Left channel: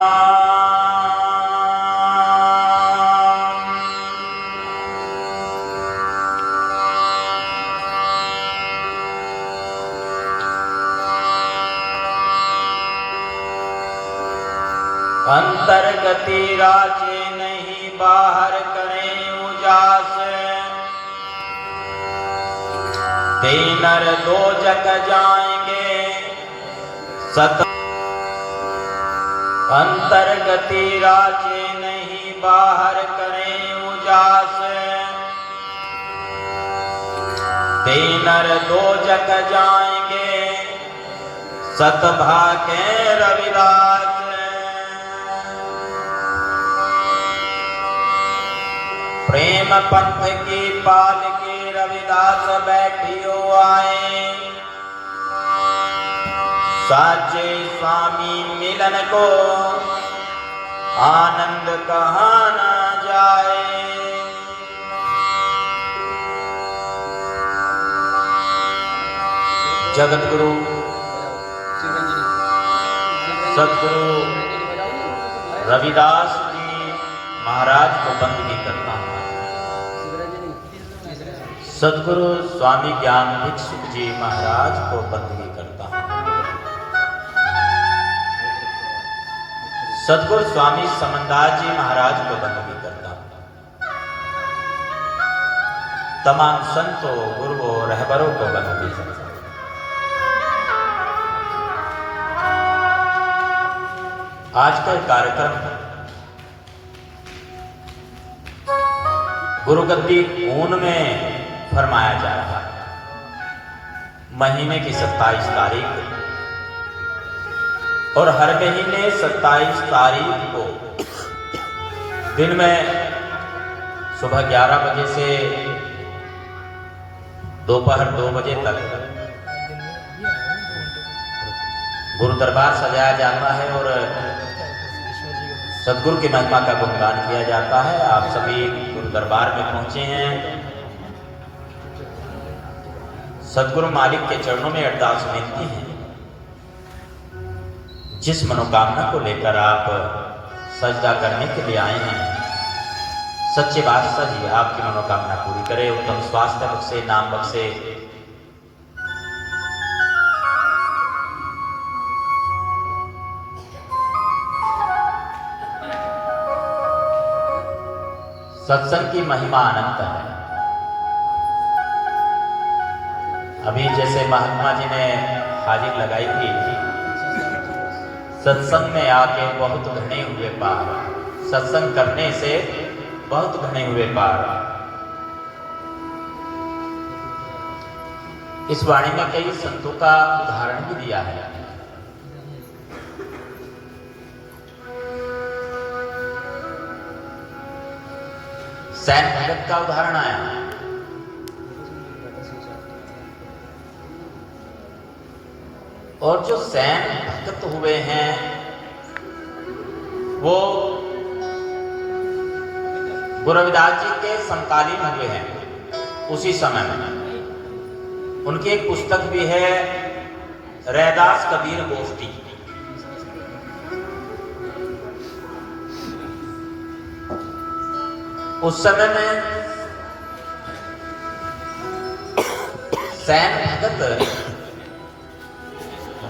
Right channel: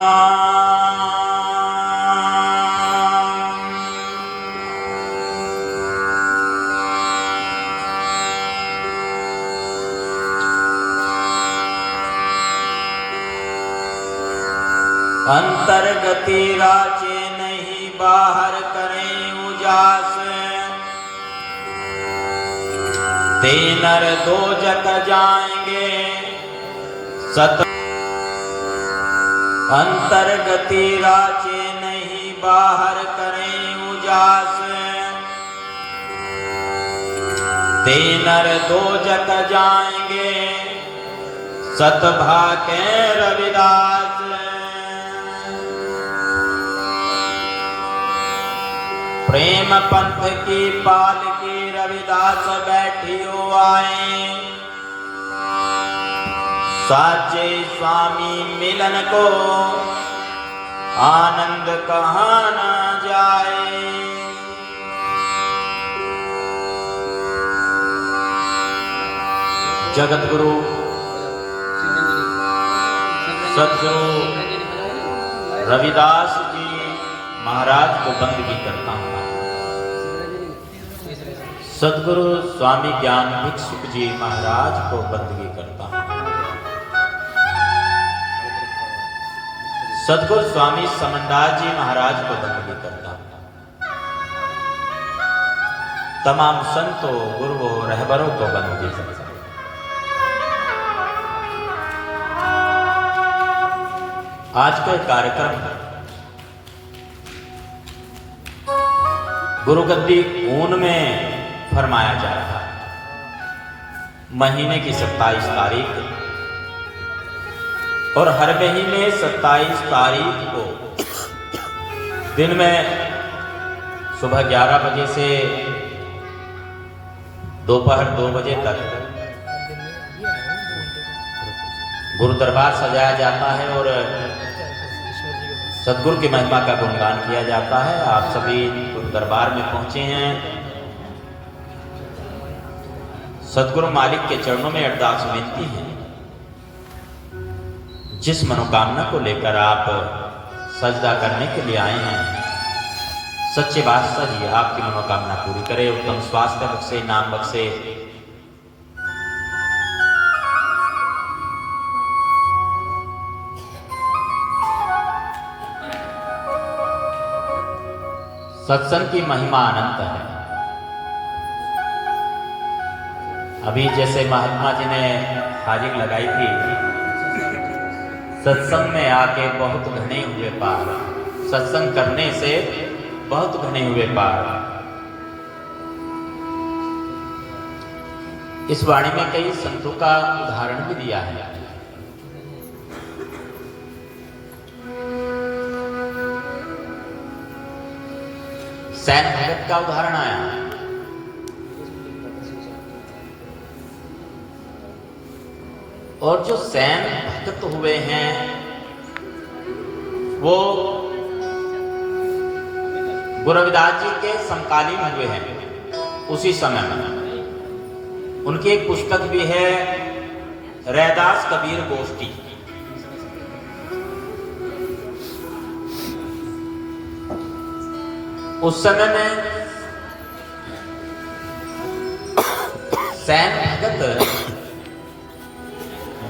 अंतर्गति राचे नहीं बाहर करें उजास, ते नर दो जग जाएंगे सत। अंतर्गति राचे नहीं बाहर करें उजास, ते नर दो जग जाएंगे सतभाके रविदास। प्रेम पंथ की पालकी रविदास बैठियो आए, साचे स्वामी मिलन को आनंद कहाँ न जाए। जगत गुरु सदगुरु रविदास जी महाराज को बंदगी करता हूँ। सदगुरु स्वामी ज्ञान भिक्षुक जी महाराज को बंदगी करता हूँ। सदगुरु स्वामी समनदास जी महाराज को बंदगी करता हूँ। तमाम संतों गुरुओं रहबरों को बंदगी करता हूँ। आज के कार्यक्रम गुरुगद्दी ऊन में फरमाया जा रहा है। महीने की 27 तारीख और हर महीने 27 तारीख को दिन में सुबह 11 बजे से दोपहर 2 बजे तक गुरु दरबार सजाया जाता है और सदगुरु की महिमा का गुणगान किया जाता है। आप सभी गुरु दरबार में पहुंचे हैं। सदगुरु मालिक के चरणों में अरदास विनती है, जिस मनोकामना को लेकर आप सजदा करने के लिए आए हैं, सच्चे बादशाह जी आपकी मनोकामना पूरी करे, उत्तम स्वास्थ्य बख्शे, नाम बख्शे। सत्संग की महिमा अनंत है। अभी जैसे महात्मा जी ने हाजिर लगाई थी, सत्संग में आके बहुत घने हुए पार, सत्संग करने से बहुत घने हुए पार। इस वाणी में कई संतों का उदाहरण भी दिया है। सैन भगत का उदाहरण आया। और जो सैन भक्त हुए हैं वो गुरु रविदास जी के समकालीन हुए हैं। उसी समय में उनकी एक पुस्तक भी है, रैदास कबीर गोष्ठी। उस समय में सैन भगत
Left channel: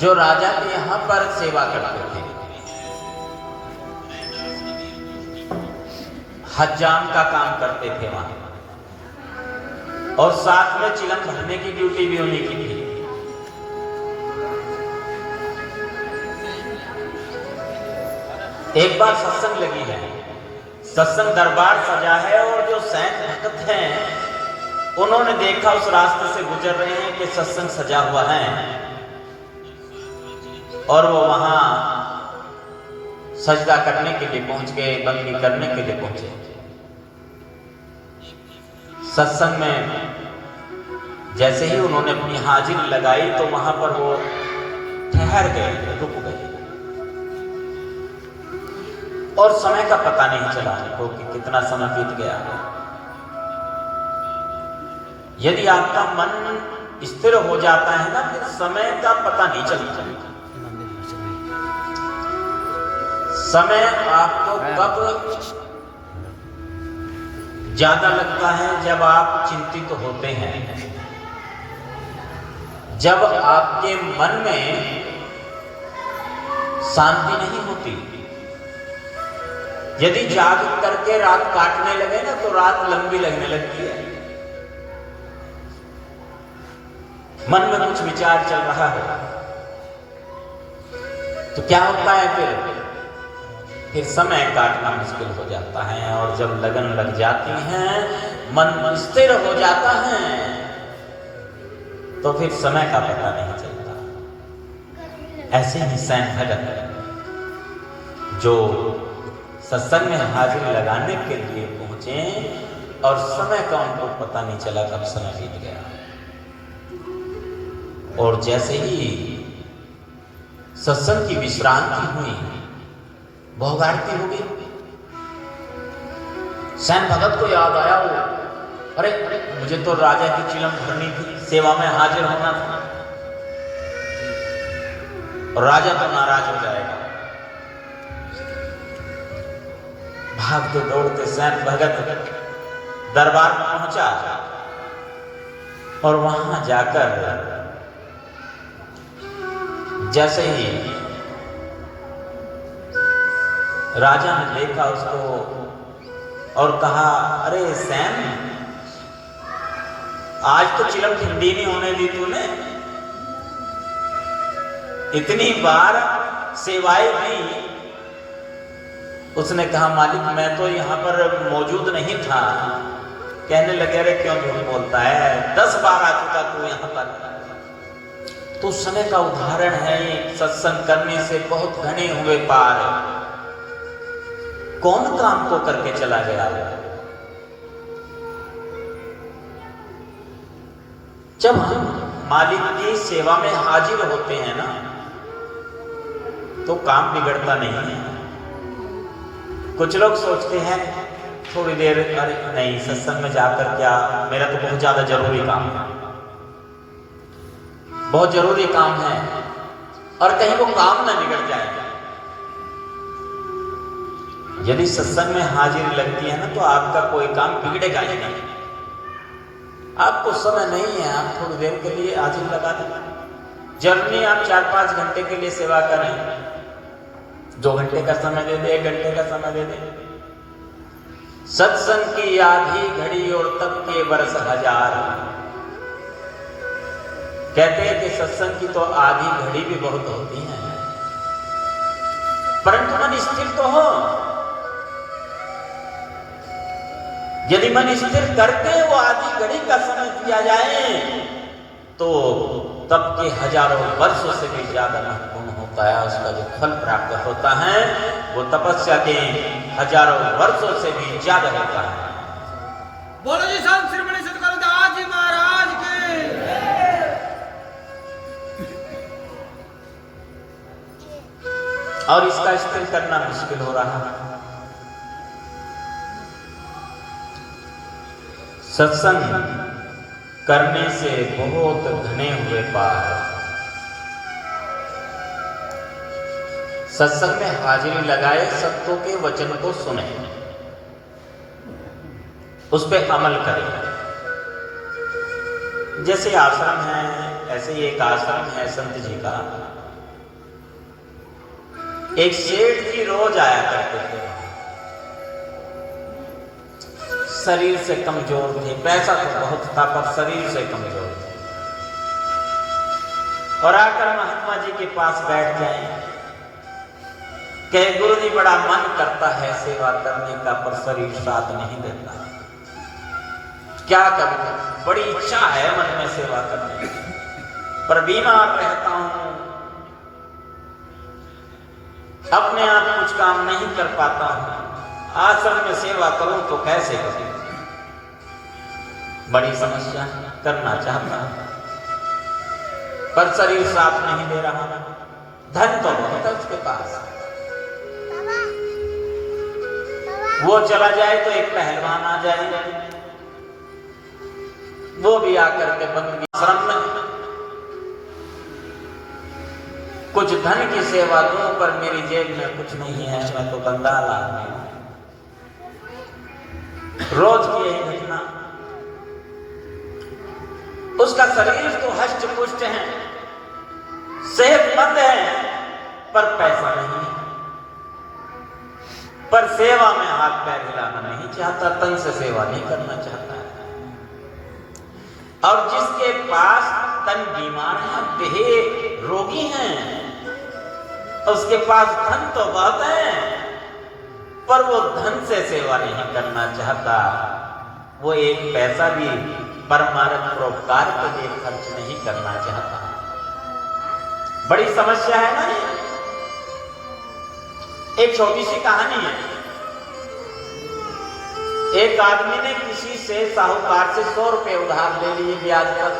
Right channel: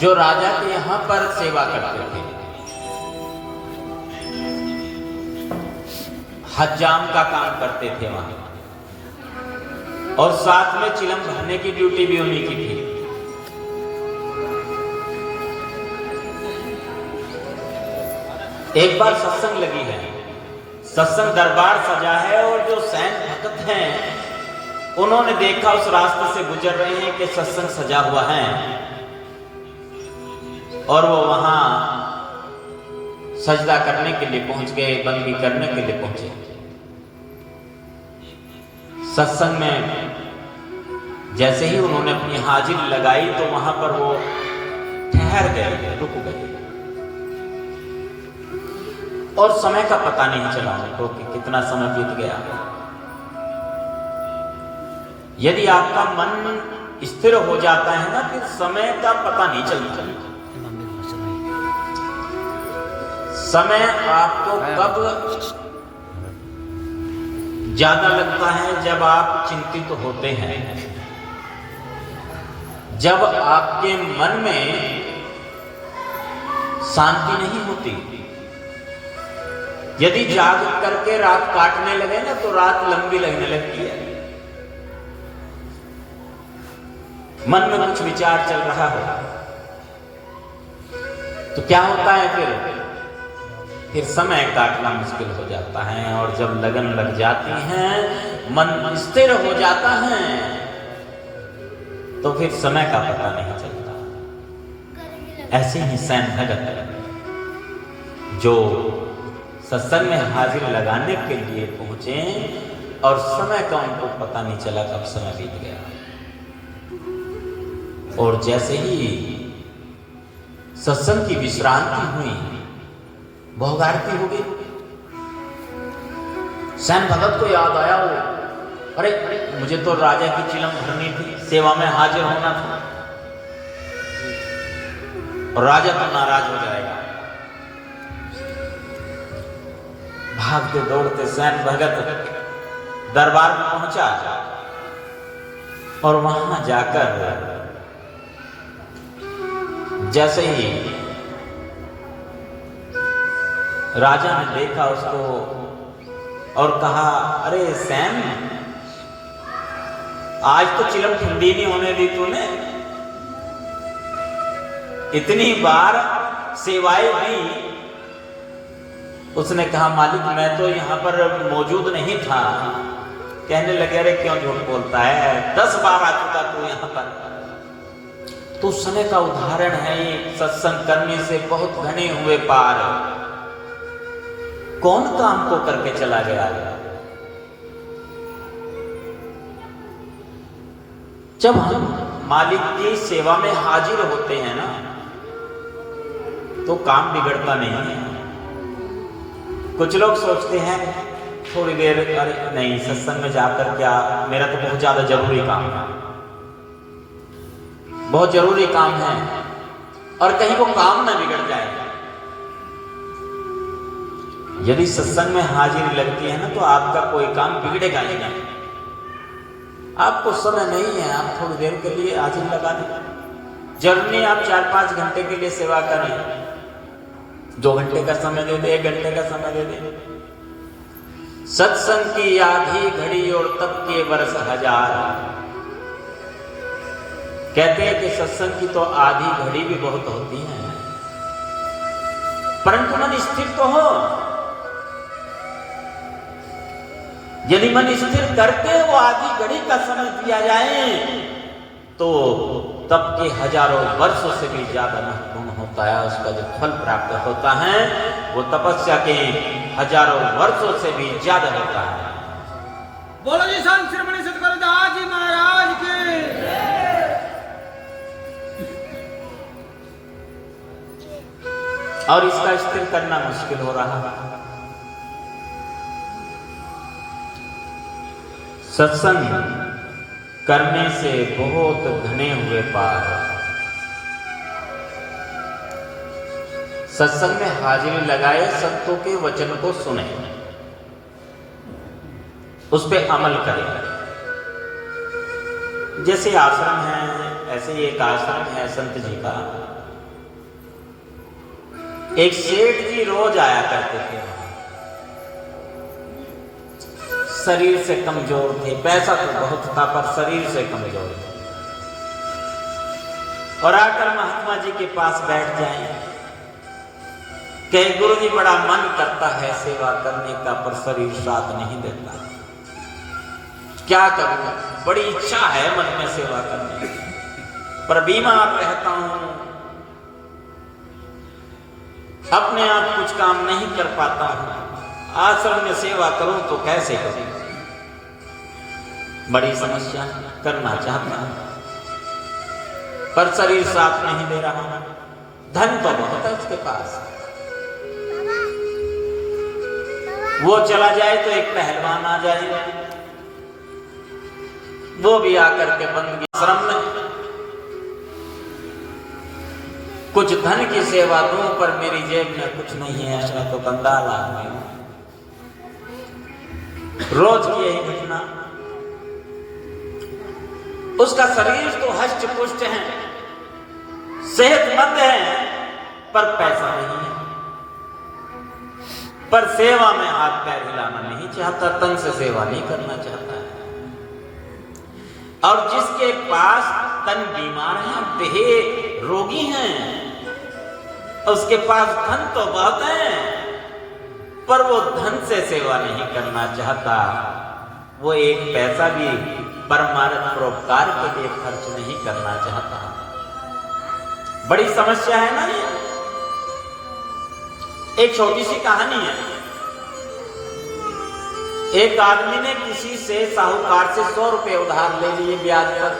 जो राजा के यहां पर सेवा करते थे, हज्जाम का काम करते थे वहां, और साथ में चिलम भरने की ड्यूटी भी उन्हीं की थी। एक बार सत्संग लगी है, सत्संग दरबार सजा है, और जो सैन भगत हैं उन्होंने देखा उस रास्ते से गुजर रहे हैं कि सत्संग सजा हुआ है, और वो वहां सजदा करने के लिए पहुंच गए, बंदगी करने के लिए पहुंचे। सत्संग में जैसे ही उन्होंने अपनी हाजिरी लगाई तो वहां पर वो ठहर गए, रुक गए, और समय का पता नहीं चला उनको कि कितना समय बीत गया। यदि आपका मन स्थिर हो जाता है ना, फिर समय का पता नहीं चलता। समय आपको कब ज्यादा लगता है? जब आप चिंतित होते हैं, जब आपके मन में शांति नहीं होती। यदि जाग करके रात काटने लगे ना तो रात लंबी लगने लगती है। मन में कुछ विचार चल रहा है तो क्या होता है? फिर समय काटना मुश्किल हो जाता है। और जब लगन लग जाती है, मन स्थिर हो जाता है, तो फिर समय का पता नहीं चलता। ऐसे ही सैन भगत जो सत्संग में हाजिर लगाने के लिए पहुंचे और समय का उनको पता नहीं चला, कब समय बीत गया। और जैसे ही सत्संग की विश्रांति हुई, भोग आरती हो गई। सैन भगत को याद आया, वो अरे मुझे तो राजा की चिलम भरनी थी, सेवा में हाजिर होना था, और राजा तो नाराज हो जाएगा। भागते दौड़ते सैन भगत दरबार में पहुंचा और वहां जाकर जैसे ही राजा ने देखा उसको और कहा, अरे सैन, आज तो चिलम ठंडी नहीं होने दी तूने, इतनी बार सेवाएं दी। उसने कहा, मालिक मैं तो यहाँ पर मौजूद नहीं था। कहने लगे, अरे क्यों झूठ बोलता है, 10 बार आ चुका तू यहाँ पर। तो समय का उदाहरण है, सत्संग करने से बहुत घने हुए पार कौन काम को करके चला गया। जब हम मालिक की सेवा में हाजिर होते हैं ना, तो काम बिगड़ता नहीं है। कुछ लोग सोचते हैं थोड़ी देर, अरे नहीं सत्संग में जाकर क्या, मेरा तो बहुत ज्यादा जरूरी काम है, बहुत जरूरी काम है, और कहीं वो काम ना बिगड़ जाए। यदि सत्संग में हाजिरी लगती है ना, तो आपका कोई काम बिगड़ेगा ही नहीं। आपको समय नहीं है, आप थोड़ी देर के लिए हाजिरी लगा दें। जरूरी आप 4-5 घंटे के लिए सेवा करें, 2 घंटे का समय दे दे, 1 घंटे का समय दे दे। सत्संग की आधी घड़ी और तब के वर्ष 1000। कहते हैं कि सत्संग की तो आधी घड़ी भी बहुत होती है, परंतु मन स्थिर तो हो। यदि मन स्थिर करके वो आधी घड़ी का समय दिया जाए, तो तब के हजारों वर्षों से भी ज्यादा महत्वपूर्ण होता है। उसका जो फल प्राप्त होता है वो तपस्या के हजारों वर्षों से भी ज्यादा होता है। बोलो जी संत श्रीमणि सतगुरुदास जी महाराज की। और इसका स्थिर करना मुश्किल हो रहा है। सत्संग करने से बहुत घने हुए पार। सत्संग में हाजिरी लगाए, सत्यों के वचन को सुने, उस पे अमल करें। जैसे आश्रम है, ऐसे ही एक आश्रम है संत जी का। एक सेठ जी रोज आया करते थे, शरीर से कमजोर थे, पैसा तो बहुत था पर शरीर से कमजोर थे, और आकर महात्मा जी के पास बैठ जाएं, कहे गुरु जी बड़ा मन करता है सेवा करने का, पर शरीर साथ नहीं देता, क्या करूं, बड़ी इच्छा है मन में सेवा करने की, पर बीमार रहता हूं, अपने आप कुछ काम नहीं कर पाता हूं, आश्रम में सेवा करूं तो कैसे करूं, बड़ी समस्या, करना चाहता हूं पर शरीर साथ नहीं दे रहा, धन तो बहुत है उसके पास, वो चला जाए तो एक पहलवान आ जाए, वो भी आकर के बंदगी आश्रम में कुछ धन की सेवा दूं पर मेरी जेब में कुछ नहीं है, मैं तो कंगाल आदमी हूं। रोज की यही घटना। उसका शरीर तो हष्ट पुष्ट है, सेहतमंद है, पर पैसा नहीं है, पर सेवा में हाथ पैर हिलाना नहीं चाहता, तन से सेवा नहीं करना चाहता है। और जिसके पास तन बीमार है, देह रोगी हैं, उसके पास धन तो बहुत है, पर वो धन से सेवा नहीं करना चाहता, वो एक पैसा भी परमार्थ परोपकार के लिए खर्च नहीं करना चाहता। बड़ी समस्या है ना ये। एक छोटी सी कहानी है। एक आदमी ने किसी से साहूकार से 100 रुपए उधार ले लिए ब्याज पर।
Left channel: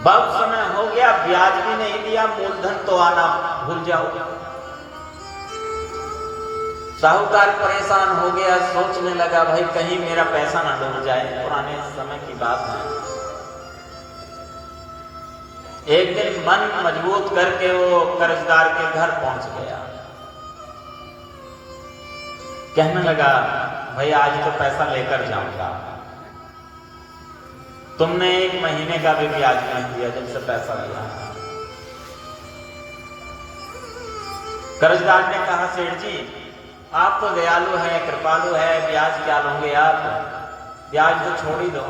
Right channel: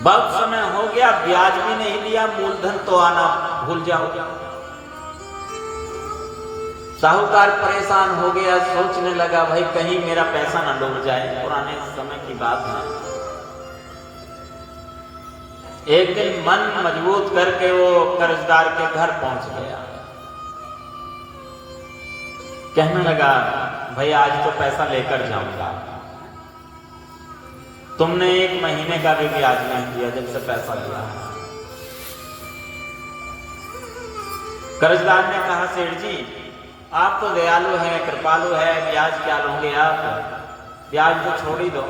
बहुत समय हो गया, ब्याज भी नहीं दिया, मूलधन तो आना भूल जाओ। साहूकार परेशान हो गया, सोचने लगा भाई कहीं मेरा पैसा ना डूब जाए। पुराने समय की बात है। एक दिन मन मजबूत करके वो कर्जदार के घर पहुंच गया। कहने लगा भाई आज तो पैसा लेकर जाऊंगा, तुमने 1 महीने का भी ब्याज नहीं दिया जब से पैसा लिया। कर्जदार ने कहा सेठ जी आप तो दयालु हैं, कृपालु है, ब्याज क्या लोगे आप, ब्याज तो छोड़ ही दो।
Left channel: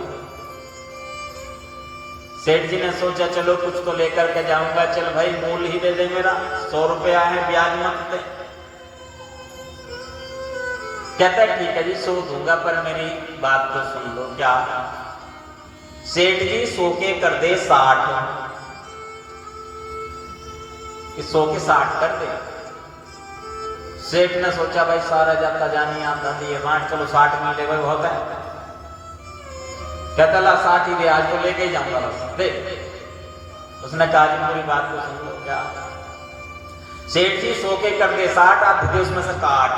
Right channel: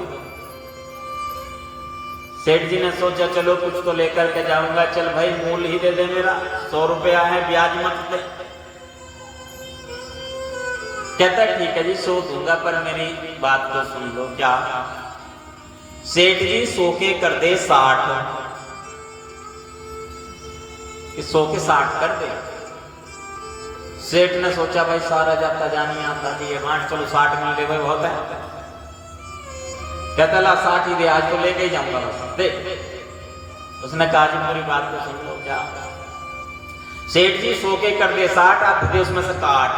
सेठ जी ने सोचा चलो कुछ तो लेकर के जाऊंगा, चल भाई मूल ही दे दे, मेरा 100 रुपया है, ब्याज मत दे। कहता ठीक है जी 100 दूंगा, पर मेरी बात तो सुन लो। क्या? सेठ जी 100 के कर दे 60, 100 के 60 कर दे। सेठ ने सोचा भाई सारा जाता जानी आता कि ये बांट, चलो 60 मिल दे, भाई होता है। कहता ला 60 ही दे, आज तो लेके ही जाऊंगा बस दे। उसने कहा जी मेरी बात को सुन लो। क्या? सेठ जी 100 के कर दे 60, आप दे उसमें से काट।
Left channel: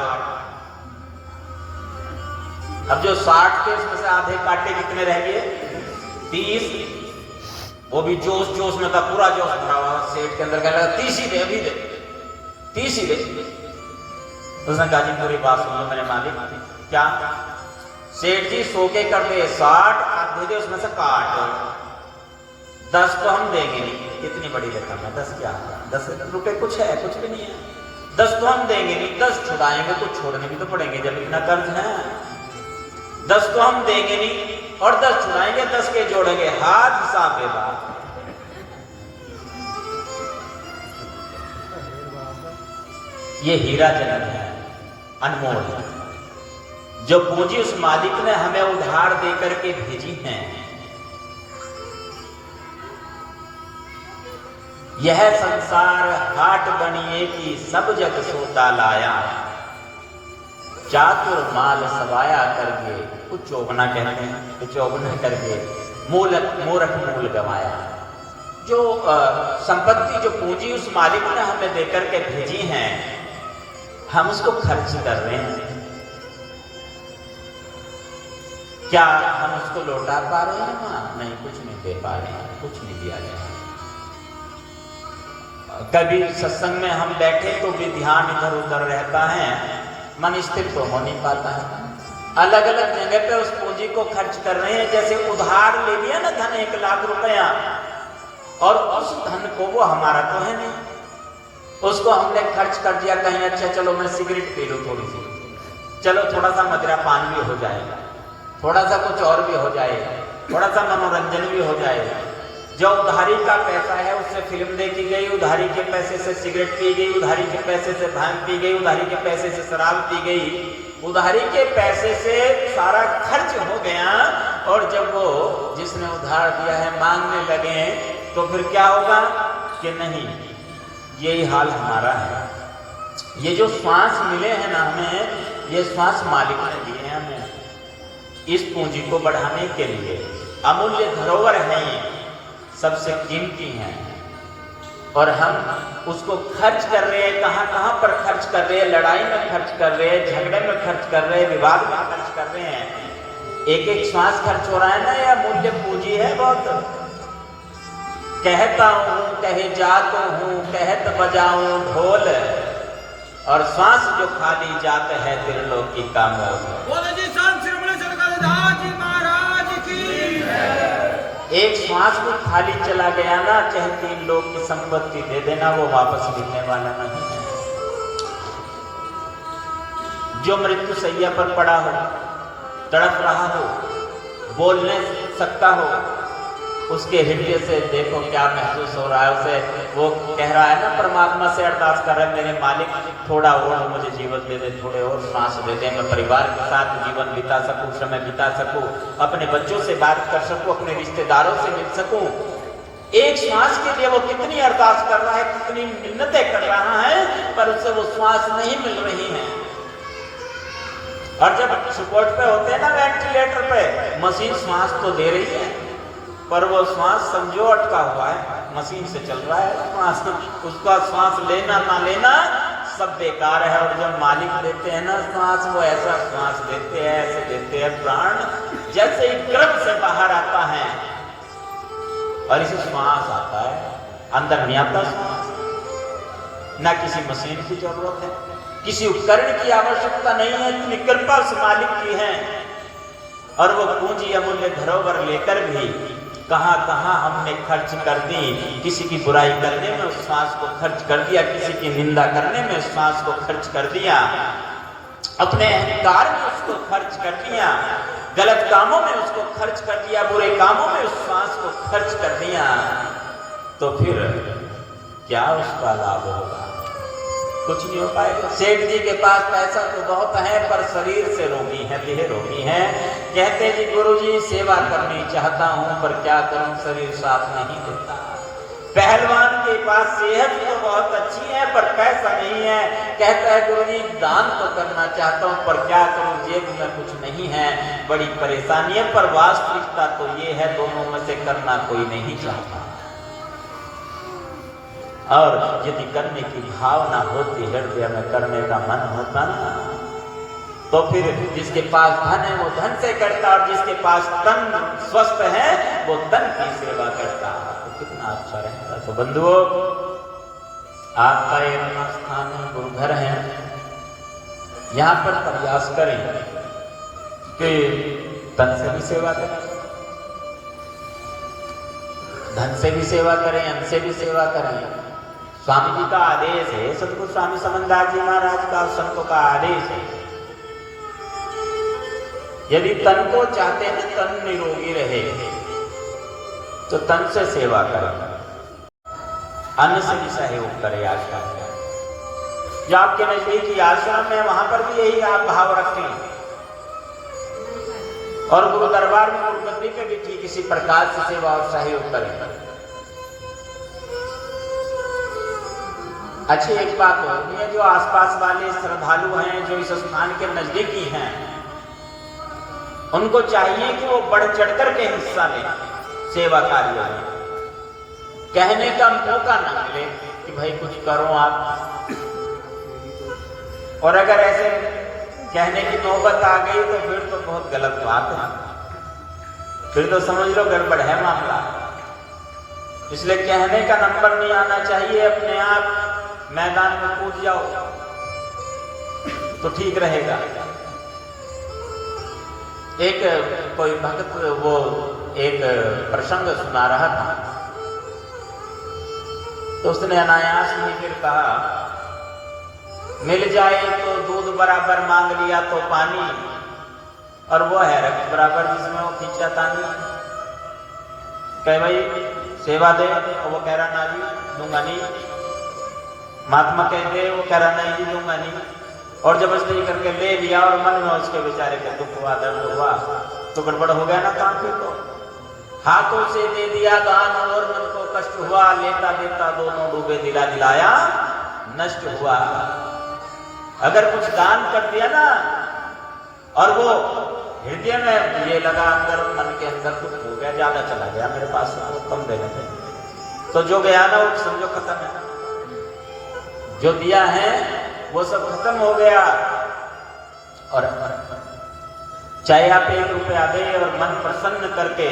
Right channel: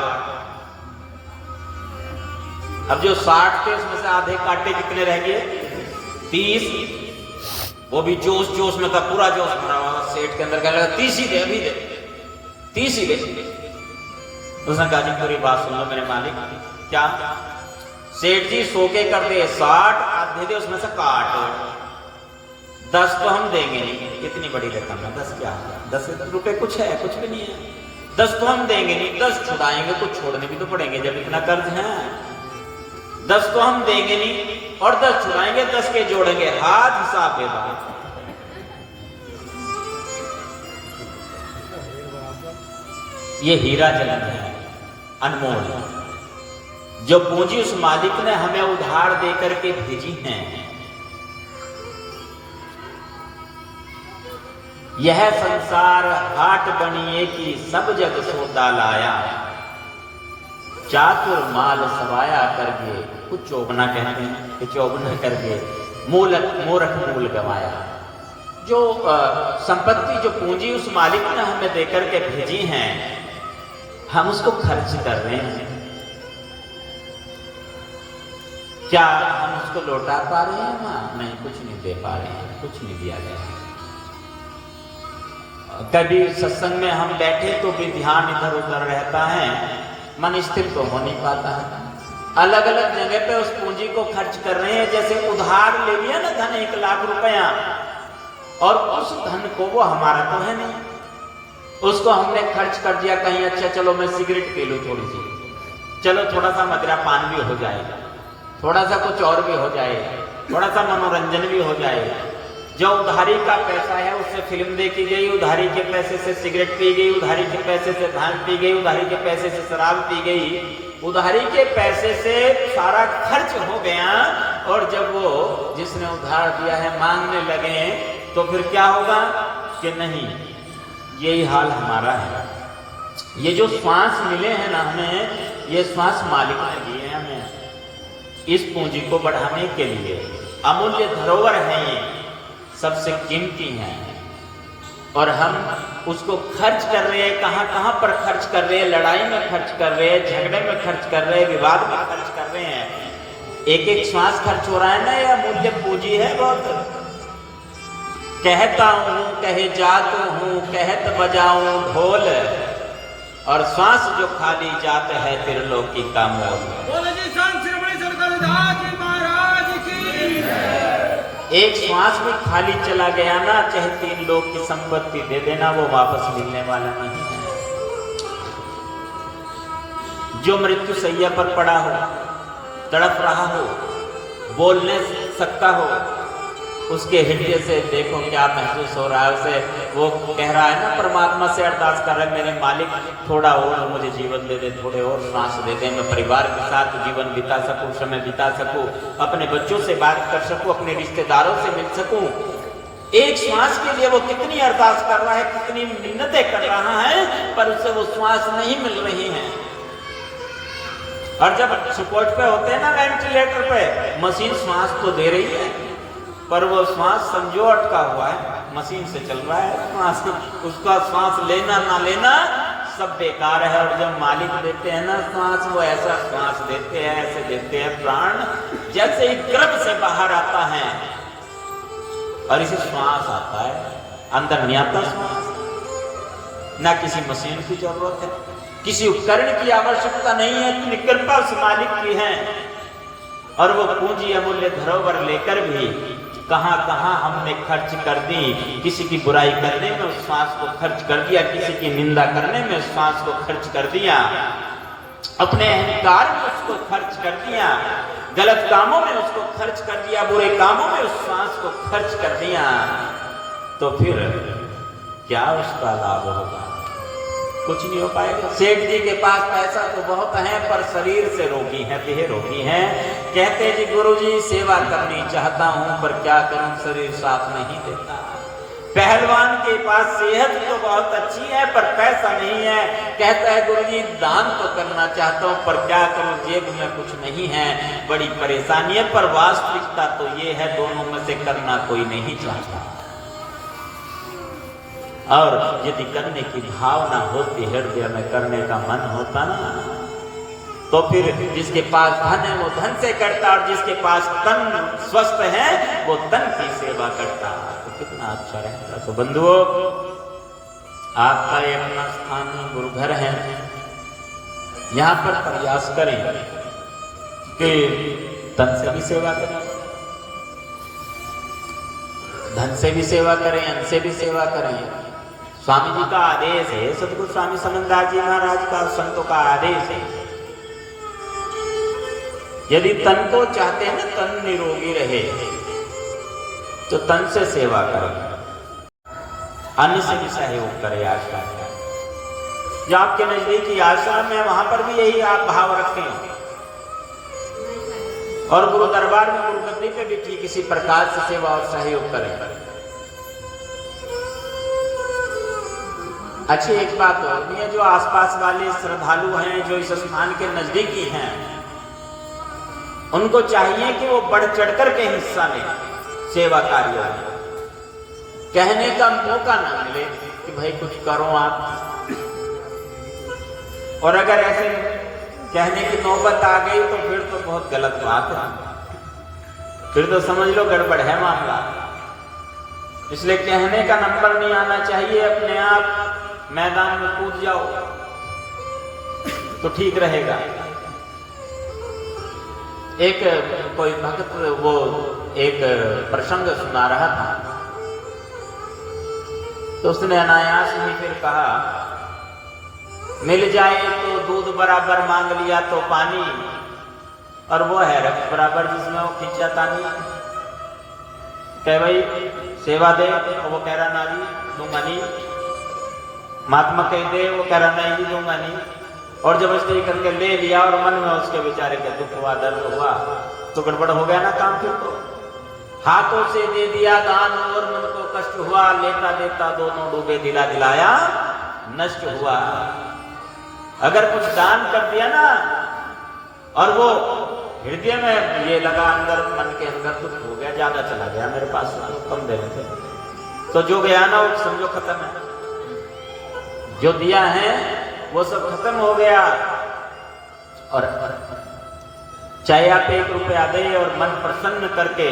अब जो 60 थे उसमें से आधे काटे, कितने रह गए? 30। वो भी जोश जोश में था, पूरा जोश भरा हुआ। सेठ के अंदर क्या लगा 30 ही दे, अभी दे, 30 ही दे। उसने कहा जी पूरी बात सुन लो मेरे मालिक। क्या? सेठ जी 100 के कर दे 60, आधे दे उसमें से काट। 10 तो हम देंगे नहीं। कितनी बड़ी रकम है 10? क्या 10 रुपए कुछ है? कुछ भी नहीं है। 10 तो हम देंगे नहीं, 10 छुड़ाएंगे तो छोड़ने भी तो पड़ेंगे जब इतना कर्ज है। 10 तो हम देंगे नहीं और 10 छुड़ाएंगे, 10 के जोड़ेंगे, हाथ हिसाब दे बात। ये हीरा जन्म है अनमोल, जो पूंजी उस मालिक ने हमें उधार देकर के भेजी है। यह संसार हाट बनिए की सब जग सोता लाया, चातुर माल सवाया करके, कुछ चौगना कहते हैं, कुछ चौगना करके मूरख मूल गवाया। जो संपत्ति, जो पूंजी उस मालिक ने हमें देकर के भेजी है, हम उसको खर्च कर रहे हैं। क्या हम उसको लौटा पा रहे हैं? नहीं, कुछ नहीं दे पा रहे हैं, कुछ नहीं दिया गया। कभी सत्संग में हम बैठे तो भी ध्यान इधर उधर रहता है, मन स्थिर तो हो नहीं पाता है। अलग अलग जगह पे उस पूंजी को खर्च कर रहे हैं। जैसे उधार ले लिया ना धन 1 लाख रुपया, और उस धन को, वो हमारा तो है नहीं, उसको हमने खर्च कर दिया कहीं। अच्छा चलो मैं सिगरेट पी लूं थोड़ी सी, चलो थोड़ा सा मदिरा पान भी हो जाए, थोड़ा सा कुछ और भी हो जाए, थोड़ा सा मनोरंजन भी हो जाए। जो उधारी का पैसा है उससे फिल्म देखी गई, उधारी के पैसे से सिगरेट पी गई, उधारी के पैसे से भांग पी गई, उधारी के पैसे से शराब पी गई, उधारी के पैसे से सारा खर्च हो गया। और जब वो जिसने उधार दिया है मांगने लगे तो फिर क्या होगा कि नहीं, यही हाल हमारा है। ये जो श्वास मिले हैं ना हमें, ये श्वास मालिक ने दिए हैं हमें इस पूंजी को बढ़ाने के लिए। अमूल्य धरोहर है, ये सबसे कीमती है, और हम उसको खर्च कर रहे हैं। कहां कहां पर खर्च कर रहे हैं? लड़ाई में खर्च कर रहे हैं, झगड़े में खर्च कर रहे हैं, विवाद में खर्च कर रहे हैं। एक एक श्वास खर्च हो रहा है ना, यह अमूल्य पूंजी है बहुत। कहता हूँ कहे जात हूँ कहत बजाऊं ढोल, और श्वास जो खाली जात है त्रिलोकी का मोल। बोलो जी संत श्रीमणि सतगुरुदास जी महाराज की। एक श्वास भी खाली चला गया ना, चाहे 3 लोक की संपत्ति दे देना, वो वापस मिलने वाला नहीं है। जो मृत्यु सैया पर पड़ा हो, तड़प रहा हो, बोल नहीं सकता हो, उसके हृदय से देखो क्या महसूस हो रहा है उसे। वो कह रहा है ना, परमात्मा से अरदास कर रहे, मेरे मालिक थोड़ा और मुझे जीवन दे दे, थोड़े और सांस दे दे, मैं परिवार के साथ जीवन बिता सकूं, समय बिता सकूं, अपने बच्चों से बात कर सकूं, अपने रिश्तेदारों से मिल सकूं। एक श्वास के लिए वो कितनी अरदास कर रहा है, कितनी मिन्नतें कर रहा है, पर उसे वो श्वास नहीं मिल रही है। और जब सपोर्ट पे होते हैं ना, वेंटिलेटर पे, मशीन श्वास तो दे रही है, पर वो श्वास समझो अटका हुआ है, मशीन से चल रहा है श्वास, उसका श्वास लेना ना लेना सब बेकार है। और जब मालिक देते हैं ना श्वास, वो ऐसा श्वास देते हैं, ऐसे देते हैं प्राण जैसे ही गर्भ से बाहर आता है, और इसे श्वास आता है, अंदर नहीं आता श्वास। ना किसी मशीन की जरूरत है, किसी उपकरण की आवश्यकता नहीं है, इतनी कृपा उस मालिक की है। और वो पूंजी अमूल्य धरोहर लेकर भी कहां कहां हमने खर्च कर दी। किसी की बुराई करने में उस श्वास को खर्च कर दिया, किसी की निंदा करने में उस श्वास को खर्च कर दिया, अपने अहंकार में उसको खर्च कर दिया, गलत कामों में उसको खर्च कर दिया, बुरे कामों में उस श्वास को खर्च कर दिया, तो फिर क्या उसका लाभ होगा? कुछ नहीं हो पाएगा। सेठ जी के पास पैसा तो बहुत है, पर शरीर से रोगी है, देह रोगी है। कहते जी गुरुजी सेवा करनी चाहता हूं, पर क्या करूं, शरीर साथ नहीं देता। पहलवान के पास सेहत तो बहुत अच्छी है, पर पैसा नहीं है। कहता है गुरुजी दान तो करना चाहता हूं, पर क्या करूं, जेब में कुछ नहीं है, बड़ी परेशानी है। पर वास्तविकता तो ये है, दोनों में से करना कोई नहीं चाहता। और यदि करने की भावना होती, हृदय में करने का मन होता ना, तो फिर जिसके पास धन है वो धन से करता, और जिसके पास तन स्वस्थ है वो तन की सेवा करता, तो कितना अच्छा रहता। तो बंधुओं, आपका एक अपना स्थान गुरुघर है, यहाँ पर प्रयास करें कि तन से भी सेवा करें, धन से भी सेवा करें, अन्न से भी सेवा करें। स्वामी जी का आदेश है, सतगुरु स्वामी समनदास जी महाराज का, संतों का आदेश है, यदि तन को चाहते हैं ना तन निरोगी रहे, तो तन से सेवा करें, अन्न से भी सहयोग करें। आश्रम में जो आपके नजदीकी आश्रम है, वहां पर भी यही आप भाव रखें, और गुरु दरबार में, गुरु नगरी पे भी किसी प्रकार से सेवा और सहयोग करें। अच्छी एक बात और भी है, जो आसपास वाले श्रद्धालु हैं, जो इस स्थान के नजदीकी हैं, उनको चाहिए कि वो बढ़ चढ़कर के हिस्सा लें सेवा कार्यों में। कहने का मौका ना मिले कि भाई कुछ करो आप, और अगर ऐसे कहने की नौबत आ गई तो फिर तो बहुत गलत बात है, फिर तो समझ लो गड़बड़ है मामला। इसलिए कहने का नंबर नहीं आना चाहिए, अपने आप मैदान में कूद जाओ तो ठीक रहेगा। एक कोई भक्त वो एक प्रसंग सुना रहा था, तो उसने अनायास ही फिर कहा, मिल जाए तो दूध बराबर, मांग लिया तो पानी, और वो है रक्त बराबर जिसमें वो खींचा तानी। कह भाई सेवा दे, और वो कह रहा ना जी दूंगा नहीं। महात्मा कह दे, वो कह रहा नहीं जी दूंगा नहीं। और जबरदस्ती करके ले लिया, और मन में उसके बेचारे को दुख हुआ, दर्द हुआ, तो गड़बड़ हो गया ना काम। फिर तो हाथों से दे दिया दान, और मन को कष्ट हुआ, लेता देता दोनों डूबे, दिला दिलाया नष्ट हुआ। अगर कुछ दान कर दिया ना, और वो हृदय में ये लगा, अंदर मन के अंदर दुख हो गया, ज्यादा चला गया मेरे पास से, तो कम देने थे, तो जो गया ना वो समझो खत्म है, जो दिया है वो सब खत्म हो गया। और चाहे आप 1 रुपया दे और मन प्रसन्न करके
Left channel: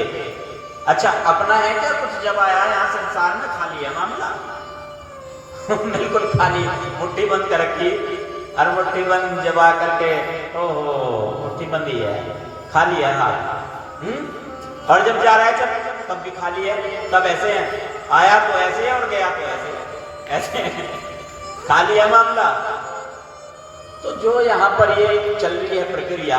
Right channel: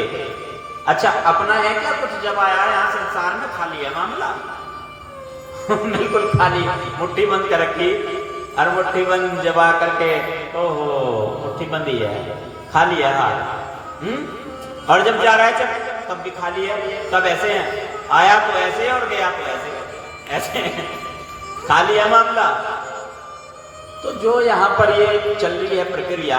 अच्छा अपना है क्या कुछ? जब आया यहाँ संसार में खाली है मामला। बिल्कुल खाली, मुट्ठी बंद कर रखी, और मुट्ठी बंद जब आकर के ओहो मुट्ठी बंद ही है, खाली है हाथ। और जब जा रहा है जब तब भी खाली है, तब ऐसे है, आया तो ऐसे और गया तो ऐसे, ऐसे खाली है मामला। तो जो यहाँ पर ये चल रही है प्रक्रिया,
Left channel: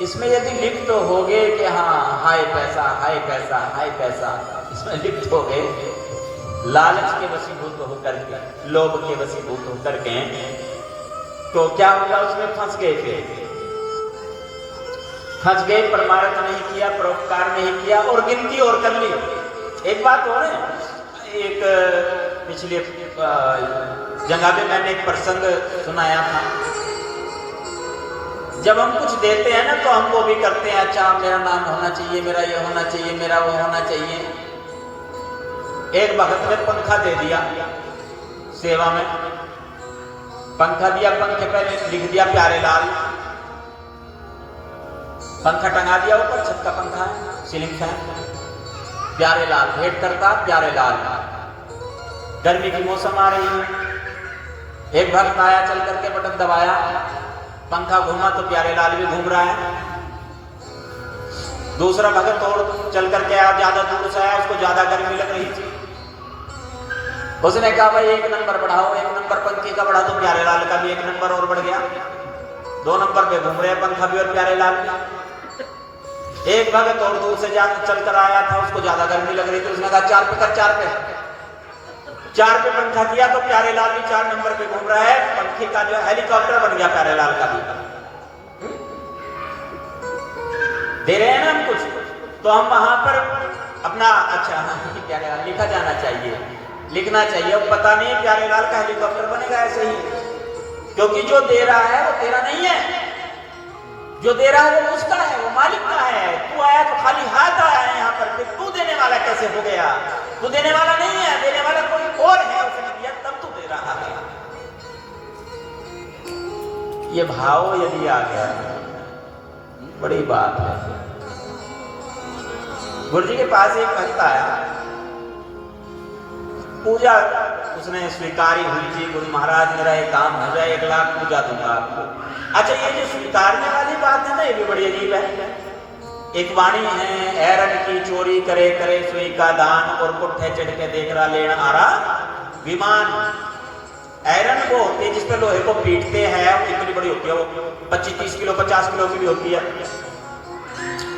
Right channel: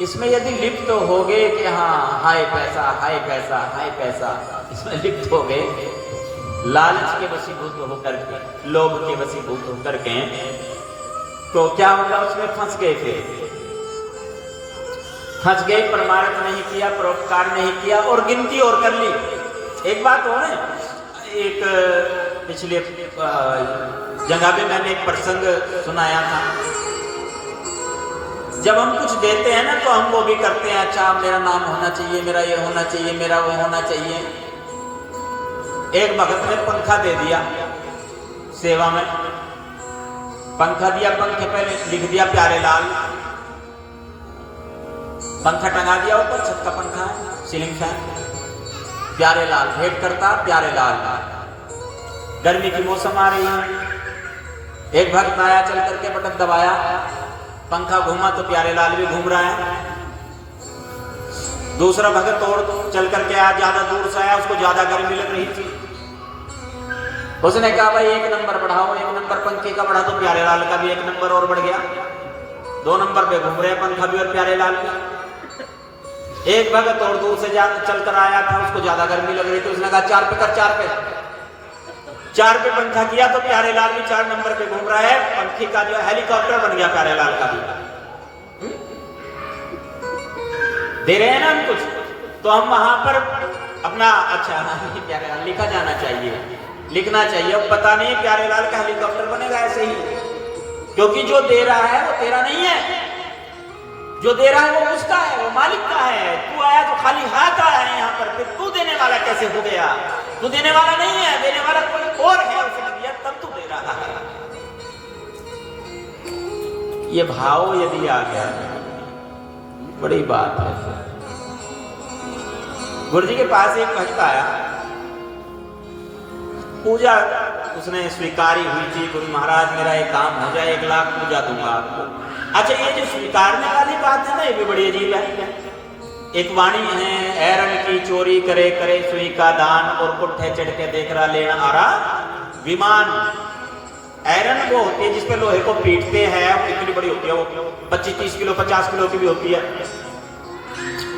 इसमें यदि लिप्त हो गए कि हाँ हाय पैसा हाय पैसा हाय पैसा, इसमें लिप्त हो गए, लालच के वशीभूत होकर के, लोभ के वशीभूत होकर के, तो क्या होगा? उसमें फंस गए, फिर फंस गए, परमार्थ नहीं किया, परोपकार नहीं किया और गिनती और कर ली। एक बात और है, एक पिछले जगह में मैंने एक प्रसंग सुनाया था। जब हम कुछ देते हैं ना तो हम वो भी करते हैं, अच्छा मेरा नाम होना चाहिए, मेरा ये होना चाहिए, मेरा वो होना चाहिए। एक भगत ने पंखा दे दिया सेवा में, पंखा दिया, पंखे पे लिख दिया प्यारे लाल, पंखा टंगा दिया ऊपर, छत का पंखा है, सीलिंग फैन, प्यारे लाल भेंट करता प्यारे लाल। गर्मी की मौसम आ रही है, एक भक्त आया, चल करके बटन दबाया, पंखा घूमा तो प्यारे लाल भी घूम रहा है। दूसरा भगत और चल करके आया, ज्यादा दूर से आया, उसको ज्यादा गर्मी लग रही थी। उसने कहा भाई 1 नंबर बढ़ाओ, 1 नंबर पंखे का बढ़ा, तो प्यारे लाल का भी 1 नंबर और बढ़ गया, 2 नंबर पे घूम रहे पंखा भी और प्यारे लाल भी। एक भगत और दूर से चल कर आया था, उसको ज्यादा गर्मी लग रही थी, उसने कहा 4 पे कर, 4 पे 4 पे पंखा किया तो प्यारे लाल भी 4 नंबर पे घूम रहा है, पंखे का जो हेलीकॉप्टर बन गया प्यारे लाल का भी। दे रहे हैं ना हम कुछ, तो हम वहां पर अपना अच्छा प्यारे लाल लिखा जाना चाहिए, लिखना चाहिए। अब पता नहीं प्यारे लाल का हेलीकॉप्टर बनेगा ऐसे ही, क्योंकि जो दे रहा है वो तेरा नहीं है, जो दे रहा है वो उसका है, वो मालिक का है। तू आया तो खाली हाथ आया है यहाँ पर, फिर तू देने वाला कैसे हो गया? तू देने वाला नहीं है, देने वाला कोई और है, उसने दिया तब तू दे रहा है। ये भाव यदि आ गया, बड़ी बात है। गुरु जी के पास एक भक्त आया, पूजा उसने स्वीकारी हुई थी, गुरु महाराज मेरा एक काम हो जाए, 1 लाख पूजा दूंगा आपको। अच्छा ये जो स्वीकारने वाली बात है ना, ये भी बड़ी अजीब है। एक वाणी है, ऐरन की चोरी करे करे सुई का दान, और पुट्ठे चढ़ के देख रहा लेना आ रहा विमान। ऐरन वो होती है जिसपे लोहे को पीटते हैं, इतनी बड़ी होती है, वो 25-30 किलो 50 किलो की भी होती है।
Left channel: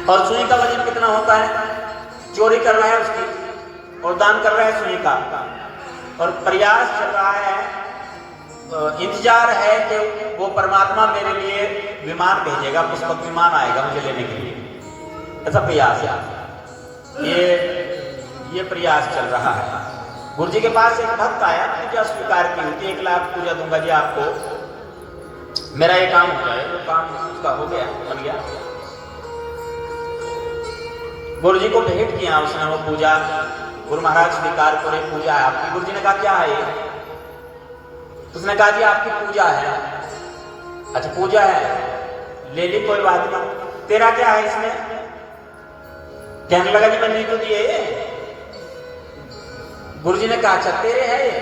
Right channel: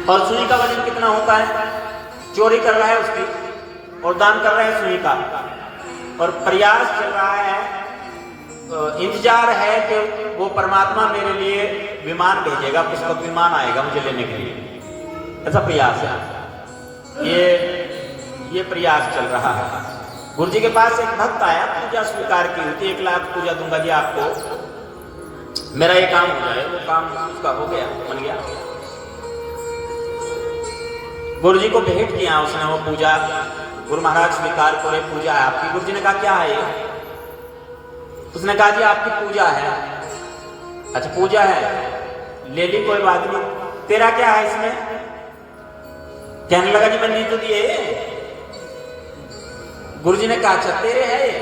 और सुई का वजन कितना होता है? चोरी कर रहा है उसकी और दान कर रहा है सुई का, और प्रयास चल रहा है, इंतजार है कि वो परमात्मा मेरे लिए विमान भेजेगा, पुष्पक विमान आएगा मुझे लेने के लिए, ऐसा प्रयास है। ये प्रयास चल रहा है। गुरु जी के पास एक भक्त आया, पूजा स्वीकार की हुई थी, 1 लाख पूजा दूंगा जी आपको, मेरा ये काम हो जाए। वो काम उसका हो गया, बन गया। गुरु जी को भेंट किया उसने वो पूजा, गुरु महाराज स्वीकार करे, पूजा है आपकी। गुरु जी ने कहा क्या है ये? उसने कहा जी आपकी पूजा है। अच्छा पूजा है, ले ली, कोई बात नहीं। तेरा क्या है इसमें? कहने लगा जी मैंने तो दिए। गुरु जी ने कहा अच्छा तेरे है ये?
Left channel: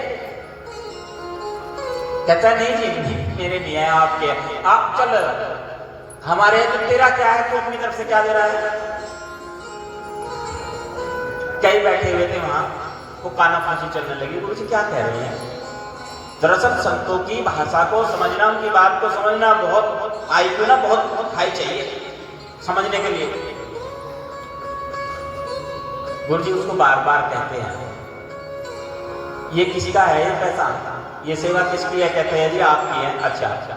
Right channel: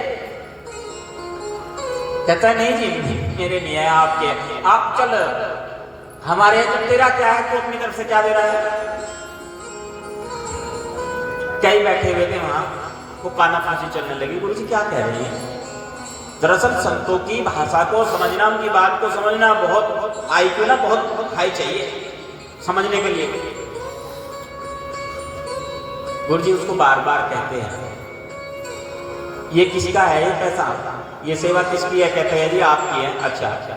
कहता नहीं जी मेरे नहीं है, आपके। आप चल हमारे है, तो तेरा क्या है? तू अपनी तरफ से क्या दे रहा है? कई बैठे हुए थे वहां, वो काना फांसी चलने लगी। गुरु जी क्या कह रहे हैं? दरअसल संतों की भाषा को समझना, उनकी बात को समझना बहुत IQ ना बहुत हाई चाहिए समझने के लिए। गुरु जी उसको बार बार कहते हैं ये किसी का है ये पैसा, ये सेवा किसकी है? कहते हैं जी आपकी है। अच्छा अच्छा,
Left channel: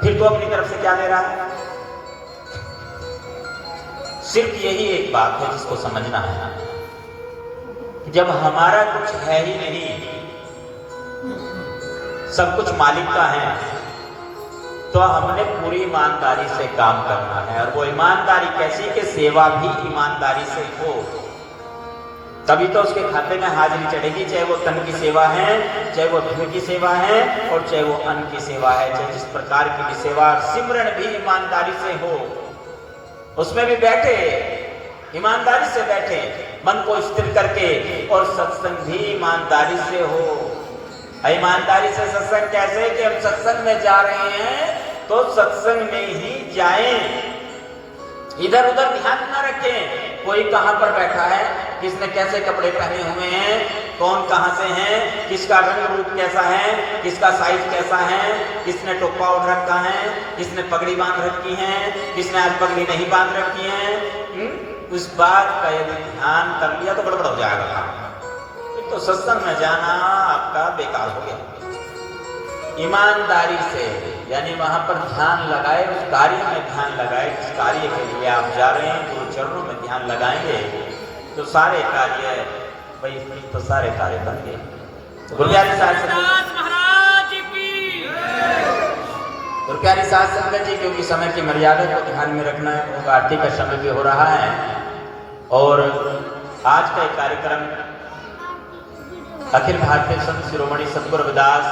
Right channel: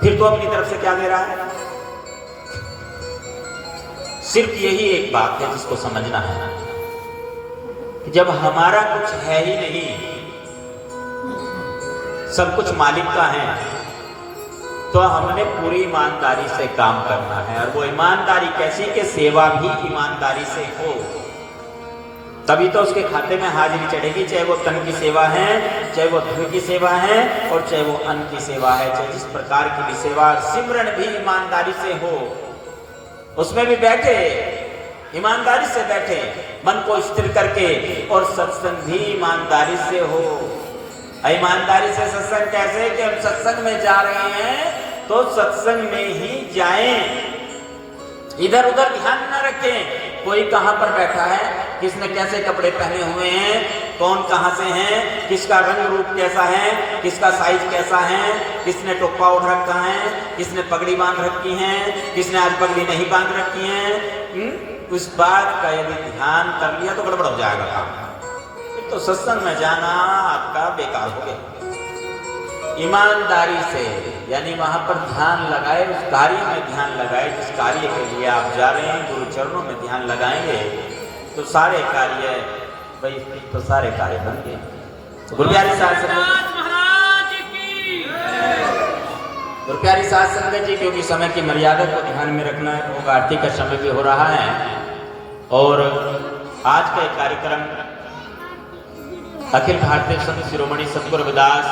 फिर तो अपनी तरफ से क्या दे रहा है? सिर्फ यही एक बात है जिसको समझना है कि जब हमारा कुछ है ही नहीं, सब कुछ मालिक का है, तो हमने पूरी ईमानदारी से काम करना है। और वो ईमानदारी कैसी कि सेवा भी ईमानदारी से हो, तभी तो उसके खाते में हाजिरी चढ़ेगी। चाहे वो तन की सेवा है, चाहे वो धन की सेवा है, और चाहे वो अन्न की सेवा है, चाहे जिस प्रकार की भी सेवा, सिमरन भी ईमानदारी से हो, उसमें भी बैठे, ईमानदारी से बैठे, मन को स्थिर करके, और सत्संग भी ईमानदारी से हो। ईमानदारी से सत्संग कैसे कि हम सत्संग में जा रहे हैं तो सत्संग में ही जाएं, इधर उधर ध्यान न रखें कोई कहां पर बैठा है, किसने कैसे कपड़े पहने हुए हैं, कौन कहां से है, किसका रंग रूप कैसा है, किसका साइज कैसा है, किसने टोपा ओढ़ रखा है, किसने पगड़ी बांध रखी है, किसने आज पगड़ी नहीं बांध रखी है। उस बात का यदि ध्यान कर लिया तो गड़बड़ हो जाएगा। तो सत्संग में जाना आपका बेकार हो गया। ईमानदारी से, यानी वहां पर ध्यान लगाए, उस कार्य में ध्यान लगाए जिस कार्य के लिए आप जा रहे हैं, गुरु चरणों में ध्यान लगाएंगे तो सारे कार्य भाई, तो सारे कार्य बन गए। गुरुप्यारी साध संगत जी, क्योंकि समय की मर्यादा को ध्यान में रखना है, वो आरती का समय भी हो रहा है, और आज का कार्यक्रम अखिल भारतीय संत शिरोमणि सतगुरु रविदास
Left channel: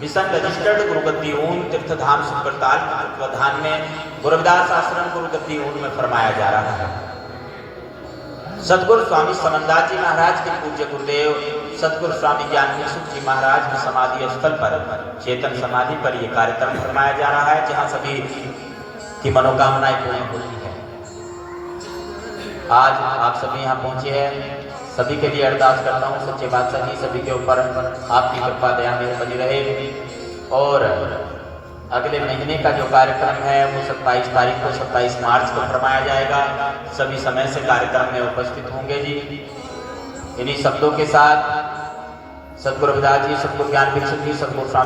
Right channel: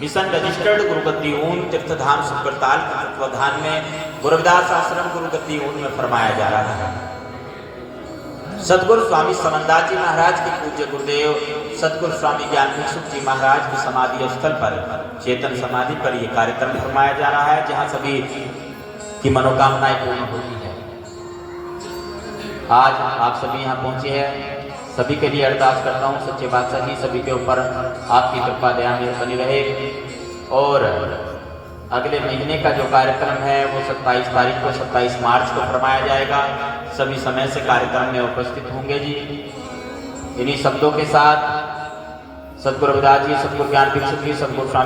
मिशन रजिस्टर्ड गुरुगद्दी ऊन तीर्थधाम सुब्रताल के तत्वाधान में गुरुविदास आश्रम गुरुगद्दी ऊन में फरमाया जा रहा है। सतगुरु स्वामी समन्दास जी महाराज के पूज्य गुरुदेव सतगुरु स्वामी ज्ञान भिक्षुक जी महाराज की समाधि स्थल पर, चेतन समाधि पर यह कार्यक्रम फरमाया जा रहा है, जहां सभी की मनोकामनाएं पूर्ण होती है। आज आप सभी यहाँ पहुंचे हैं, सभी के लिए अरदास करता हूँ सच्चे बादशाह जी सभी के ऊपर आपकी कृपा दया मेहर बनी रहे। और अगले महीने का जो कार्यक्रम है वो 27 तारीख को, 27 मार्च को फरमाया जाएगा। सभी समय से कार्यक्रम में उपस्थित होंगे जी। इन्हीं शब्दों के साथ सतगुरु रविदास जी, सतगुरु ज्ञान भिक्षुक जी, सतगुरु स्वामी